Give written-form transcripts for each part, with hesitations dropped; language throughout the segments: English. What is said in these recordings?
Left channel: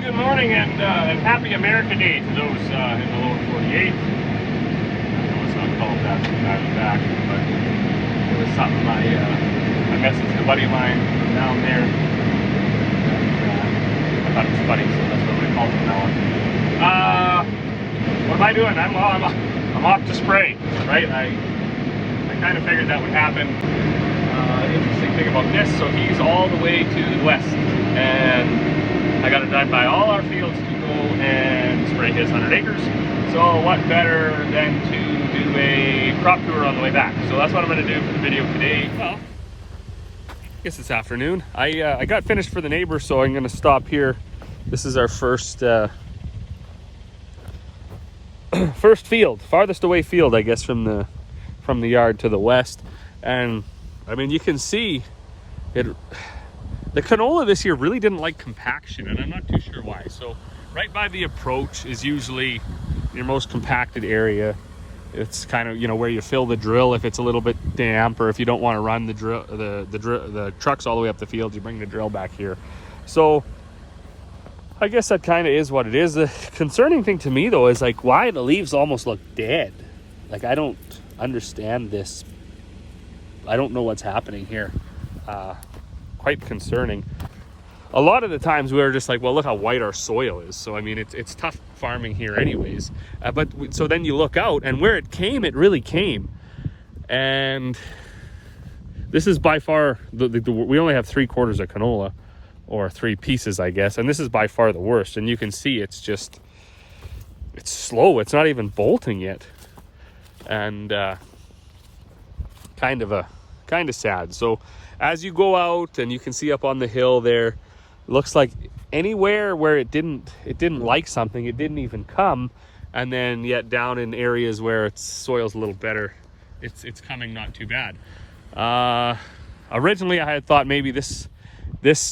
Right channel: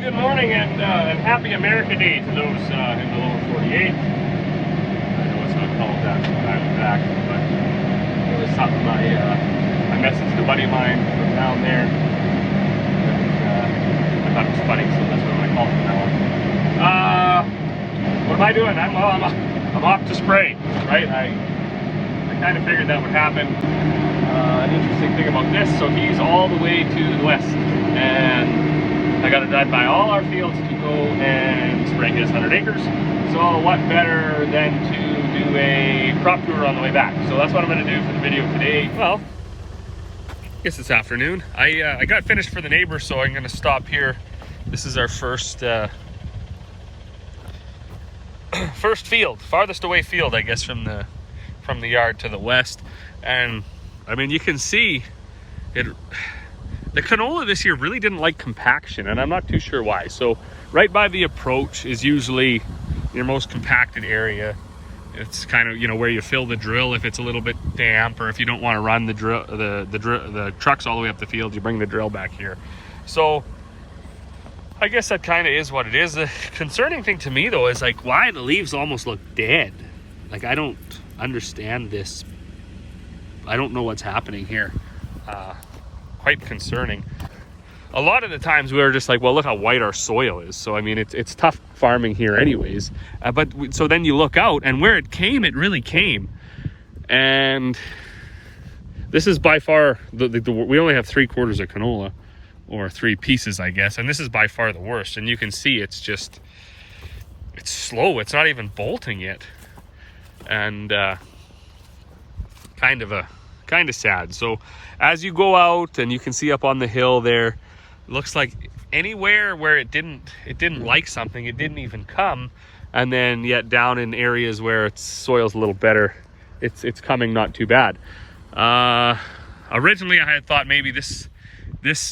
good morning and happy America Day to those in the lower 48. I know it's not called that from time to back, but it was something I messaged a buddy of mine down there, and I thought it was funny, so that's what I call it from now on. What am I doing? I'm off to spray, right? I kind of figured that would happen. Interesting thing about this, so he's all the way to the west, and I got to drive by all our fields to go and spray his 100 acres. So what better than to do a crop tour on the way back? So that's what I'm going to do for the video today. Well, I guess it's afternoon. I got finished for the neighbor, so I'm going to stop here. This is our first first field, farthest away field, I guess, from the yard to the west. And I mean, you can see it. The canola this year really didn't like compaction, and I'm not too sure why. So right by the approach is usually your most compacted area. It's kind of, you know, where you fill the drill if it's a little bit damp, or if you don't want to run the trucks all the way up the field, you bring the drill back here. So I guess that kind of is what it is. The concerning thing to me though is like why the leaves almost look dead. Like I don't understand this. I don't know what's happening here. Quite concerning. A lot of the times we were just like, well, look how white our soil is. So I mean, it's tough farming here anyways. So then you look out, and where it came, it really came. And this is by far we only have 3/4 of canola, or 3 pieces, I guess. And this is by far the worst. And you can see it's slow. It's not even bolting yet, and kind of sad. So as you go out, and you can see up on the hill there, looks like anywhere where it didn't like something, it didn't even come. And then yet down in areas where its soil's a little better, it's coming not too bad. Originally I had thought maybe this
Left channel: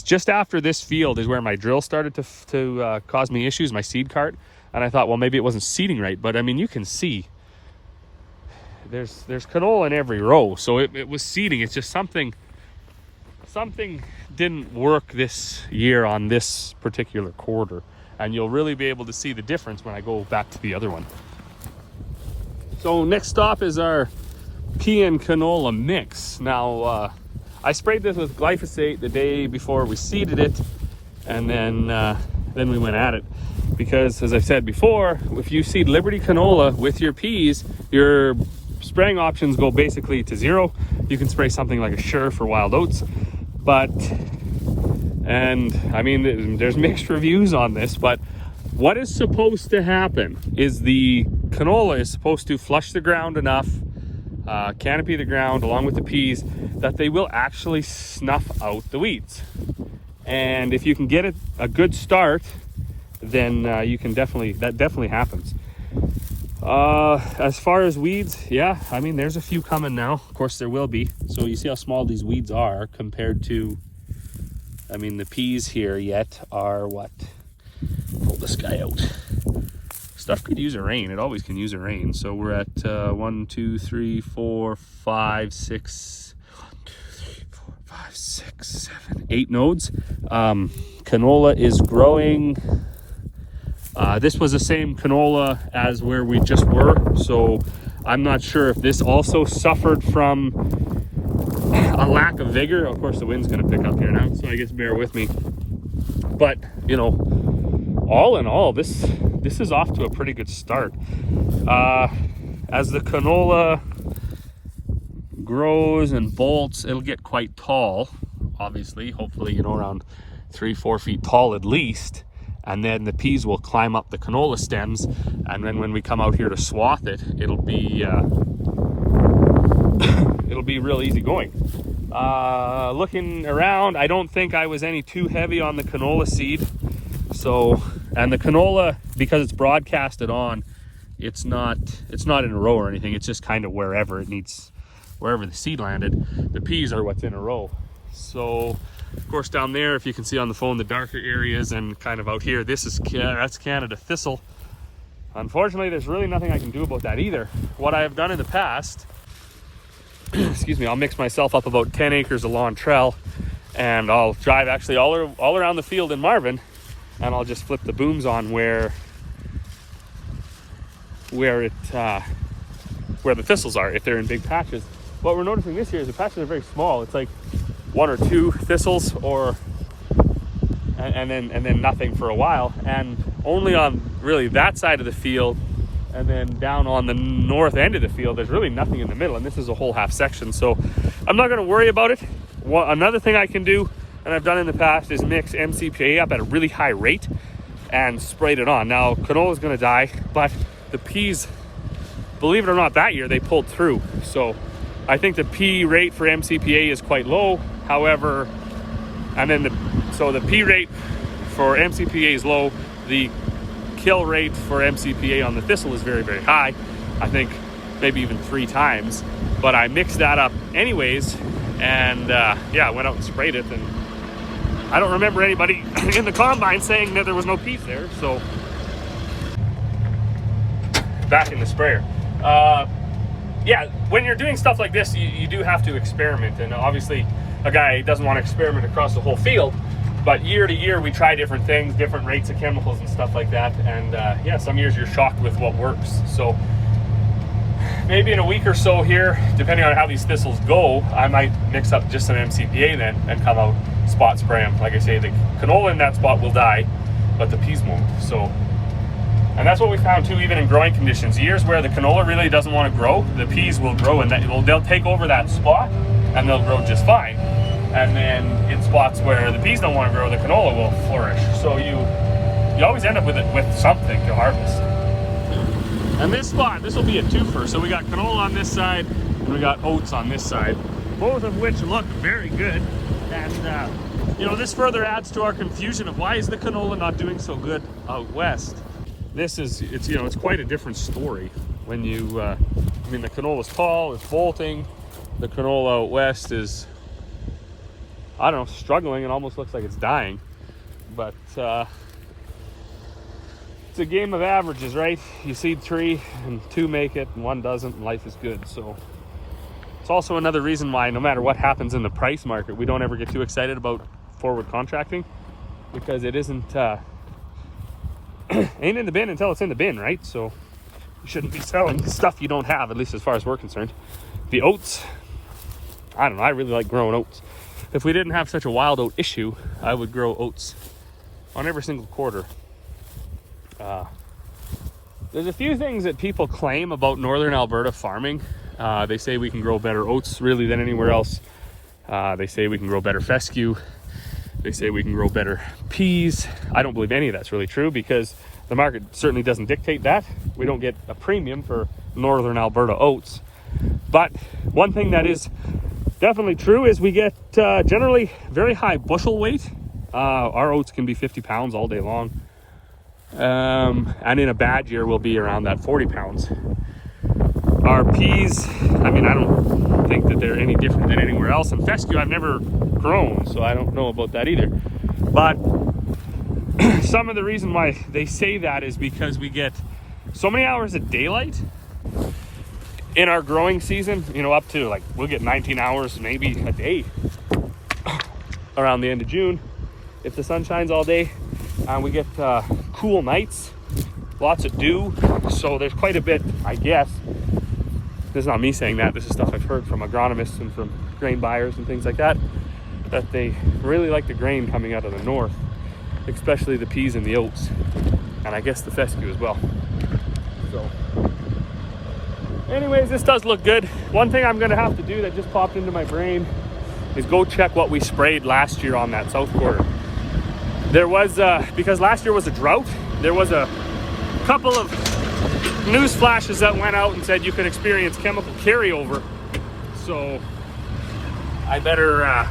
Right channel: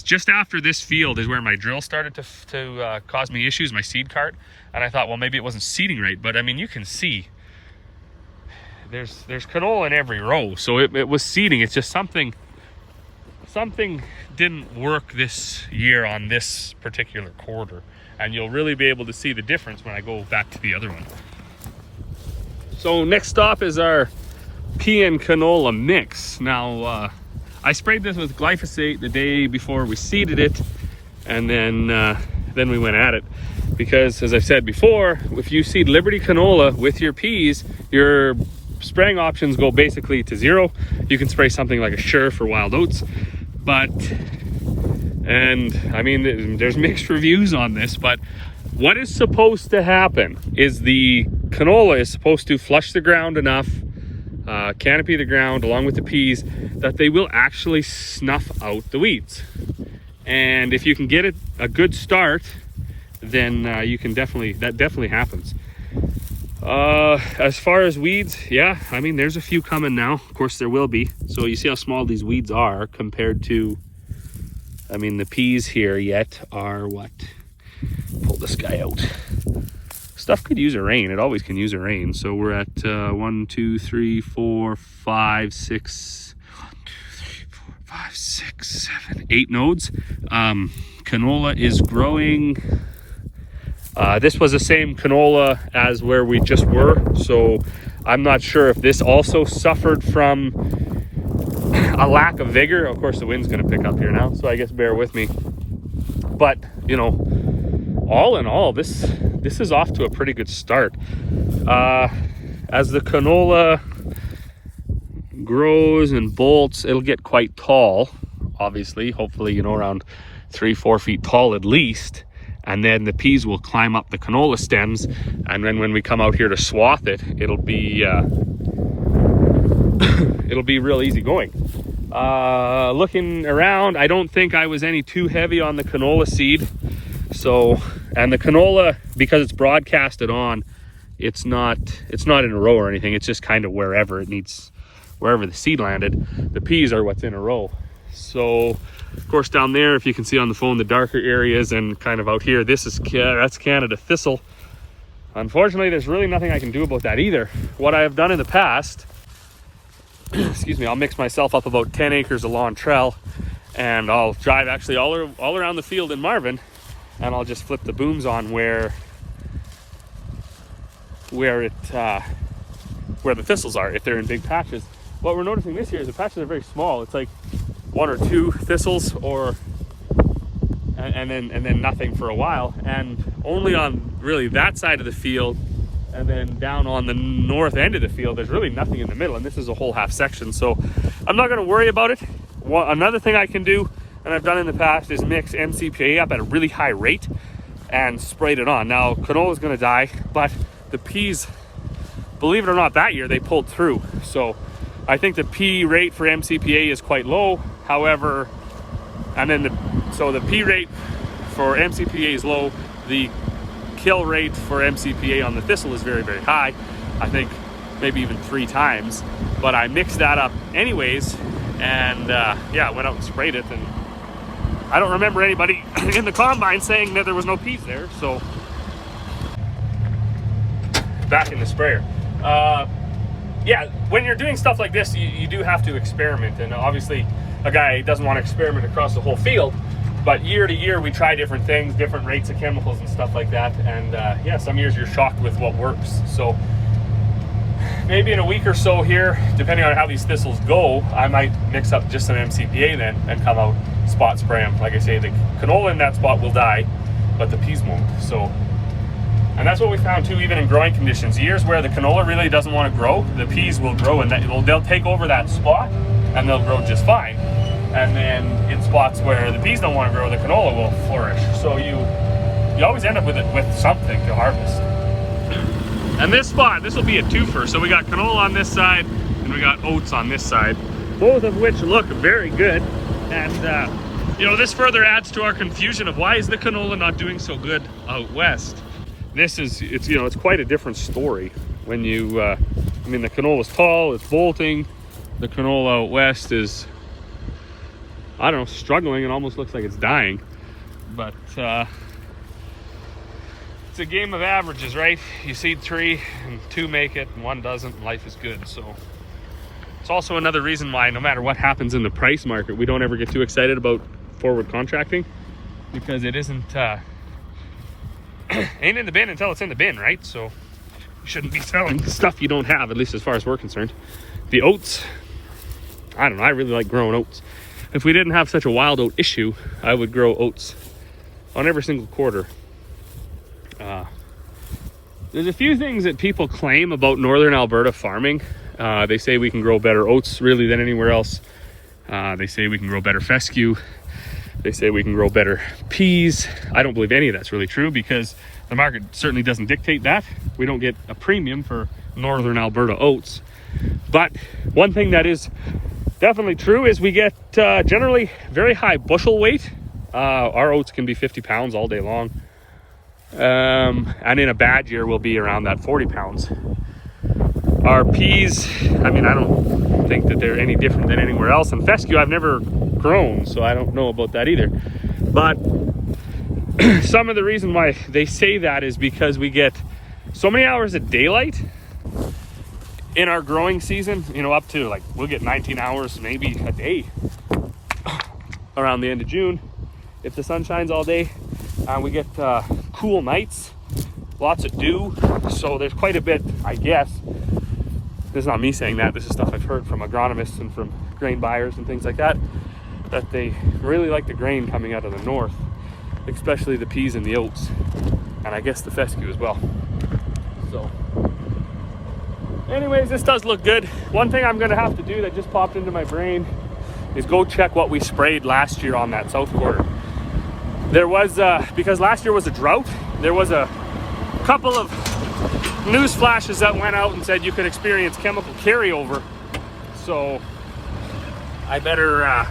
just after this field is where my drill started to cause me issues, my seed cart. And I thought, well, maybe it wasn't seeding right. But I mean, you can see there's canola in every row. So it was seeding. It's just something didn't work this year on this particular quarter, and you'll really be able to see the difference when I go back to the other one. So next stop is our pea and canola mix. Now I sprayed this with glyphosate the day before we seeded it, and then we went at it, because as I've said before, if you seed Liberty canola with your peas, your spraying options go basically to 0. You can spray something like a Sure for wild oats, and I mean, there's mixed reviews on this, but what is supposed to happen is the canola is supposed to flush the ground enough, canopy the ground along with the peas, that they will actually snuff out the weeds. And if you can get it a good start, then you can that definitely happens. As far as weeds, yeah, I mean, there's a few coming now. Of course there will be. So you see how small these weeds are compared to, I mean, the peas here yet are what? Pull this guy out. Stuff could use a rain. It always can use a rain. So we're at 1, 2, 3, 4, 5, 6, 7, 8 nodes. Canola is growing. This was the same canola as where we just were, so I'm not sure if this also suffered from a lack of vigor. Of course, the wind's going to pick up here now, so I guess bear with me. But, you know, all in all, this is off to a pretty good start. As the canola grows and bolts, it'll get quite tall, obviously, hopefully, you know, around 3-4 feet tall at least. And then the peas will climb up the canola stems, and then when we come out here to swath it, it'll be real easy going. Looking around, I don't think I was any too heavy on the canola seed. So, and the canola, because it's broadcasted on, it's not in a row or anything. It's just kind of wherever the seed landed. The peas are what's in a row. So, of course, down there, if you can see on the phone, the darker areas, and kind of out here, that's Canada thistle. Unfortunately, there's really nothing I can do about that either. What I have done in the past, excuse me, I'll mix myself up about 10 acres of lawn trell, and I'll drive actually all around the field in Marvin, and I'll just flip the booms on where the thistles are, if they're in big patches. What we're noticing this year is the patches are very small. It's like 1 or 2 thistles, and then nothing for a while, and only on really that side of the field, and then down on the north end of the field there's really nothing in the middle, and this is a whole half section. So I'm not going to worry about it. Another thing I can do, and I've done in the past, is mix MCPA up at a really high rate and sprayed it on. Now canola is going to die, but the peas, believe it or not, that year they pulled through. So I think the P rate for MCPA is quite low. However, and then the P rate for MCPA is low. The kill rate for MCPA on the thistle is very, very high. I think maybe even 3 times. But I mixed that up anyways, and yeah, I went out and sprayed it. And I don't remember anybody in the combine saying that there was no peas there. So back in the sprayer. Yeah, when you're doing stuff like this, you do have to experiment. And obviously, a guy doesn't want to experiment across the whole field. But year to year, we try different things, different rates of chemicals and stuff like that. And yeah, some years you're shocked with what works. So maybe in a week or so here, depending on how these thistles go, I might mix up just some MCPA then and come out spot spray them. Like I say, the canola in that spot will die, but the peas won't. So, and that's what we found too, even in growing conditions. Years where the canola really doesn't want to grow, the peas will grow, and they'll take over that spot and they'll grow just fine. And then in spots where the peas don't want to grow, the canola will flourish. So you always end up with something to harvest. And this spot, this will be a twofer. So we got canola on this side and we got oats on this side, both of which look very good. And you know, this further adds to our confusion of why is the canola not doing so good out west. It's quite a different story when you I mean, the canola is tall, it's bolting. The canola out west is, I don't know, struggling. It almost looks like it's dying. But it's a game of averages, right? You seed 3 and 2 make it and 1 doesn't, and life is good. So it's also another reason why no matter what happens in the price market, we don't ever get too excited about forward contracting, because it isn't ain't in the bin until it's in the bin, right? So you shouldn't be selling stuff you don't have, at least as far as we're concerned. The oats, I don't know, I really like growing oats. If we didn't have such a wild oat issue, I would grow oats on every single quarter. There's a few things that people claim about Northern Alberta farming. They say we can grow better oats really than anywhere else. They say we can grow better fescue. They say we can grow better peas. I don't believe any of that's really true, because the market certainly doesn't dictate that. We don't get a premium for Northern Alberta oats. But one thing that is definitely true is we get generally very high bushel weight. Our oats can be 50 pounds all day long. And in a bad year, we'll be around that 40 pounds. Our peas, I mean, I don't think that they're any different than anywhere else. And fescue, I've never grown, so I don't know about that either. But some of the reason why they say that is because we get so many hours of daylight in our growing season, you know, up to like, we'll get 19 hours maybe a day around the end of June if the sun shines all day. We get cool nights, lots of dew, so there's quite a bit, I guess. This is not me saying that, this is stuff I've heard from agronomists and from grain buyers and things like that they really like the grain coming out of the north, especially the peas and the oats, and I guess the fescue as well. So anyways, this does look good. One thing I'm gonna have to do that just popped into my brain is go check what we sprayed last year on that south quarter. There was, because last year was a drought, there was a couple of news flashes that went out and said you could experience chemical carryover. So I better,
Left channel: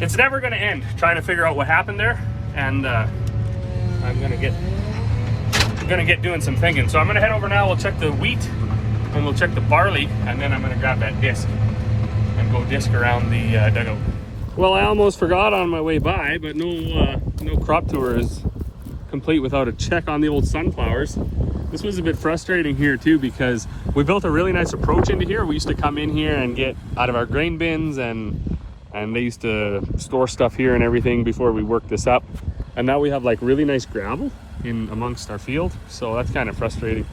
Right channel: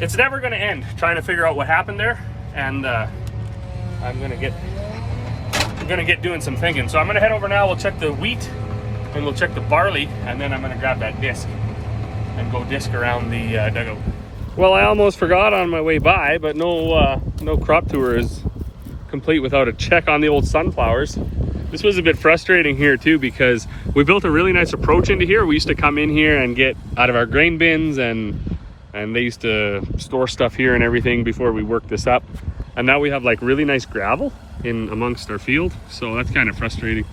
it's never gonna end trying to figure out what happened there. And I'm gonna get doing some thinking. So I'm gonna head over now, we'll check the wheat and we'll check the barley, and then I'm gonna grab that disc and go disc around the dugout. Well, I almost forgot on my way by, but no crop tour is complete without a check on the old sunflowers. This was a bit frustrating here too, because we built a really nice approach into here. We used to come in here and get out of our grain bins and and they used to store stuff here and everything before we worked this up. And now we have like really nice gravel in amongst our field, so that's kind of frustrating.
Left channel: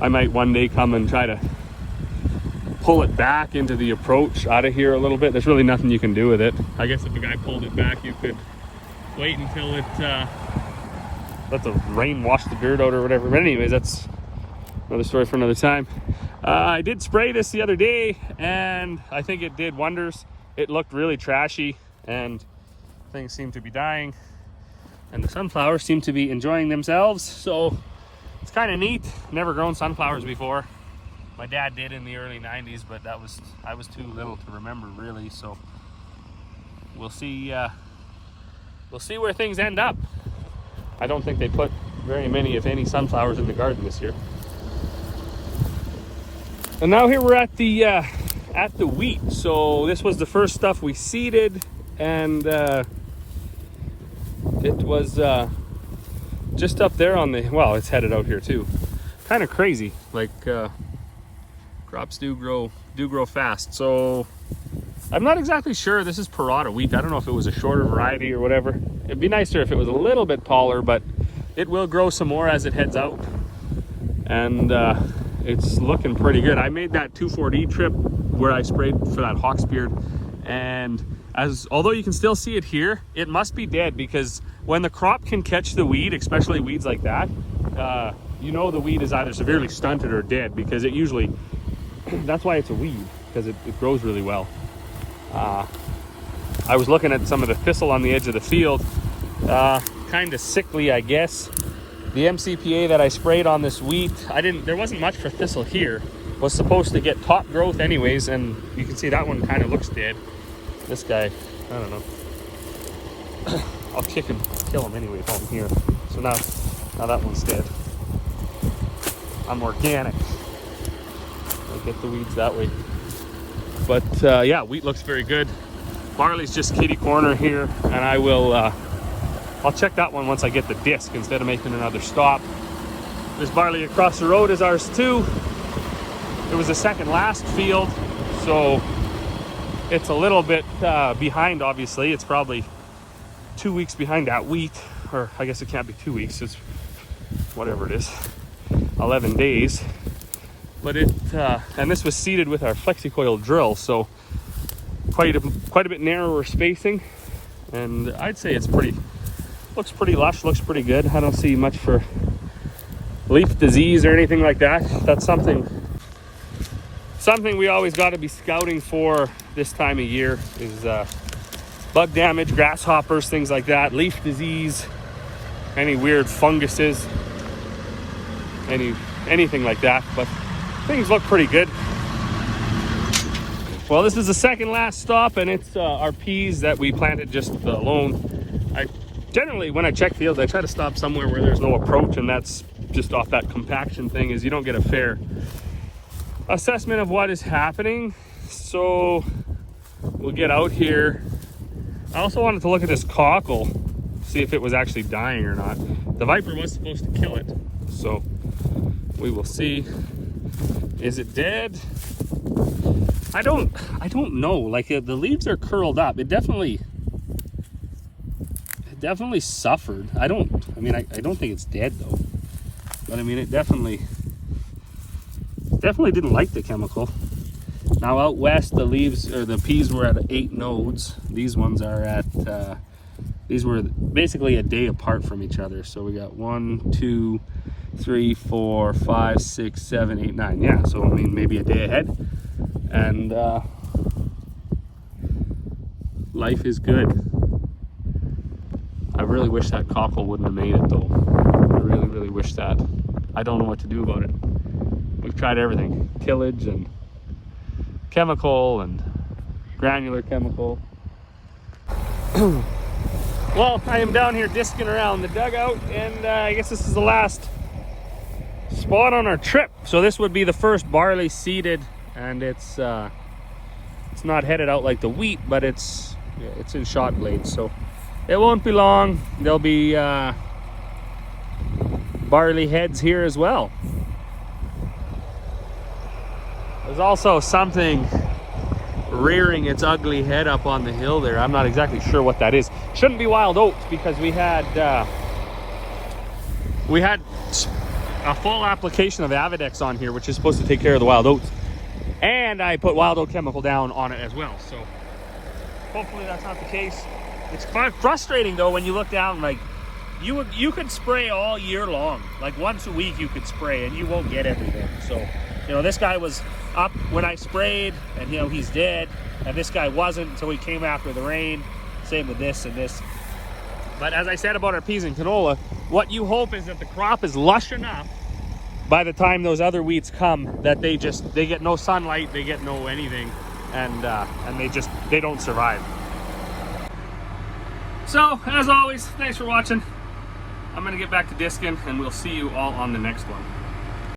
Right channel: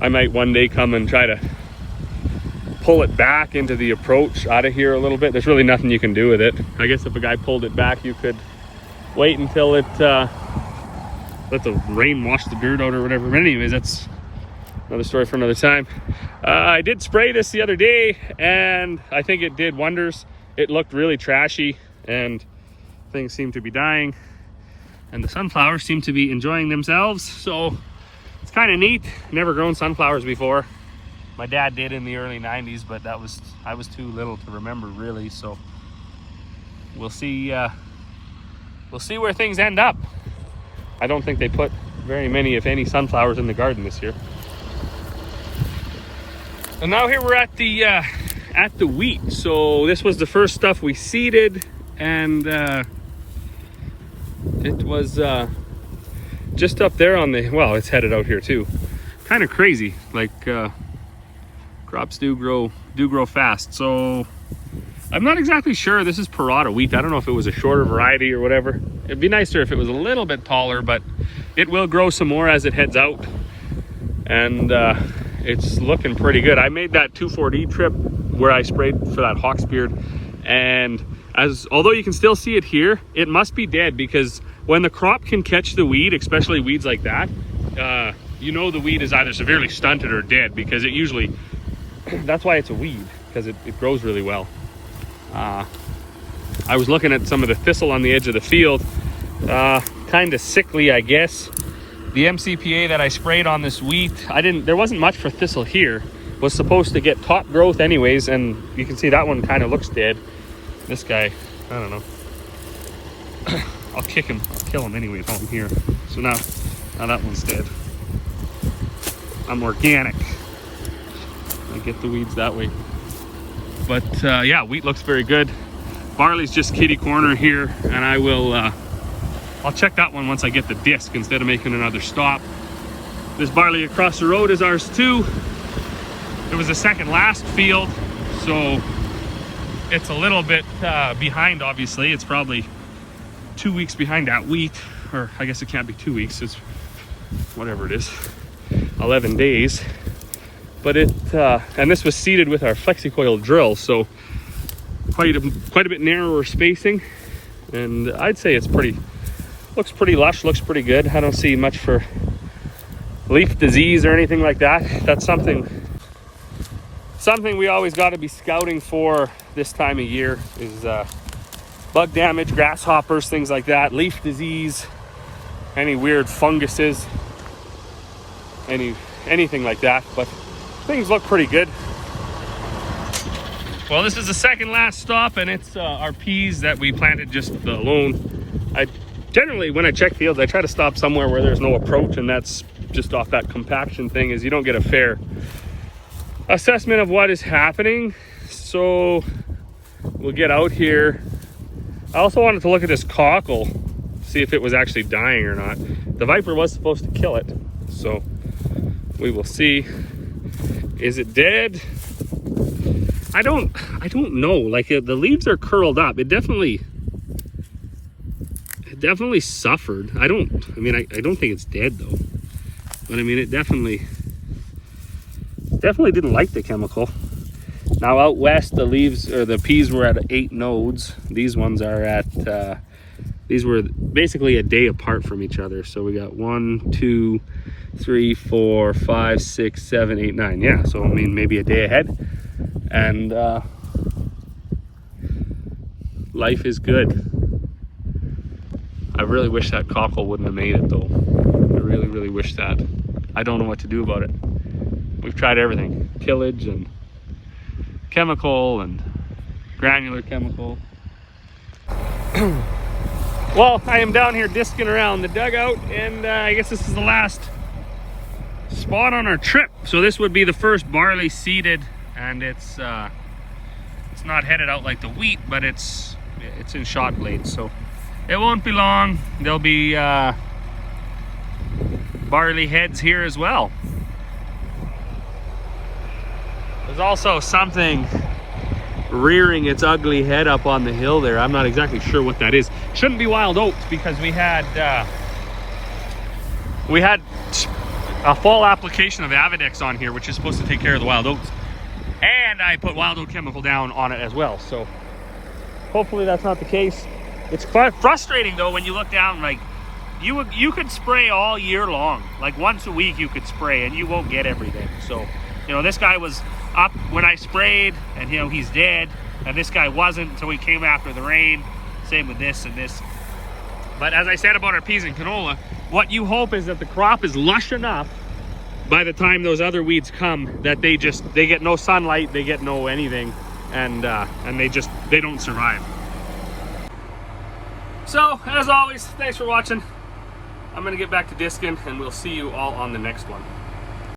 I might one day come and try to pull it back into the approach out of here a little bit. There's really nothing you can do with it. I guess if a guy pulled it back, you could wait until it let the rain wash the dirt out or whatever. But anyways, that's another story for another time. I did spray this the other day, and I think it did wonders. It looked really trashy, and things seem to be dying, and the sunflowers seem to be enjoying themselves. So it's kind of neat. Never grown sunflowers before. My dad did in the early 90s, but I was too little to remember really. So we'll see where things end up. I don't think they put very many, if any, sunflowers in the garden this year. And now here we're at the wheat. So this was the first stuff we seeded, and it was just up there on the, well, it's headed out here too. Kind of crazy, like crops do grow fast. So I'm not exactly sure. This is Parada wheat. I don't know if it was a shorter variety or whatever. It'd be nicer if it was a little bit taller, but it will grow some more as it heads out. And it's looking pretty good. I made that 2,4-D trip where I sprayed for that hawksbeard, and although you can still see it here, it must be dead, because when the crop can catch the weed, especially weeds like that, you know the weed is either severely stunted or dead, because it usually, that's why it's a weed, because it grows really well. I was looking at some of the thistle on the edge of the field, kind of sickly, I guess. The MCPA that I sprayed on this wheat, there wasn't much for thistle here. Was supposed to get top growth anyways, and you can see that one kind of looks dead. This guy, I don't know. I'll kill him anyway if I'm here. So now that one's dead. I'm organic. I get the weeds that way. But yeah, wheat looks very good. Barley's just kitty corner here, and I will I'll check that one once I get the disc instead of making another stop. This barley across the road is ours too. It was the second last field, so it's a little bit behind, obviously. It's probably 2 weeks behind that wheat, or I guess it can't be 2 weeks, it's whatever it is, 11 days. But and this was seeded with our FlexiCoil drill, so quite a bit narrower spacing, and I'd say it's looks pretty lush, looks pretty good. I don't see much for leaf disease or anything like that. That's something we always got to be scouting for this time of year, is bug damage, grasshoppers, things like that, leaf disease, any weird funguses, anything like that. But things look pretty good. Well, this is the second last stop, and it's our peas that we planted just alone. Generally, when I check fields, I try to stop somewhere where there's no approach, and that's just off that compaction thing, is you don't get a fair assessment of what is happening. So we'll get out here. I also wanted to look at this cockle, see if it was actually dying or not. The viper was supposed to kill it, so we will see. Is it dead? I don't know. Like, the leaves are curled up. It definitely suffered. I don't think it's dead though, but I mean, it definitely didn't like the chemical. Now out west, the leaves, or the peas, were at 8 nodes. These ones are at these were basically a day apart from each other. So we got 1, 2, 3, 4, 5, 6, 7, 8, 9. Yeah, so I mean, maybe a day ahead. And life is good. I really wish that cockle wouldn't have made it though. I really, really wish that. I don't know what to do about it. We've tried everything. Tillage and chemical and granular chemical. Well, I am down here disking around the dugout, and I guess this is the last spot on our trip. So this would be the first barley seeded, and it's not headed out like the wheat, but it's in shot blades. So it won't be long. There'll be barley heads here as well. There's also something rearing its ugly head up on the hill there. I'm not exactly sure what that is. Shouldn't be wild oats, because we had a full application of Avidex on here, which is supposed to take care of the wild oats, and I put wild oat chemical down on it as well. So hopefully that's not the case. It's frustrating though when you look down, like you could spray all year long, like once a week you could spray and you won't get everything. So, you know, this guy was up when I sprayed and, you know, he's dead, and this guy wasn't, so he came after the rain. Same with this and this. But as I said about our peas and canola, what you hope is that the crop is lush enough by the time those other weeds come that they get no sunlight, they get no anything, and they don't survive. So as always, thanks for watching. I'm gonna get back to discing, and we'll see you all on the next one.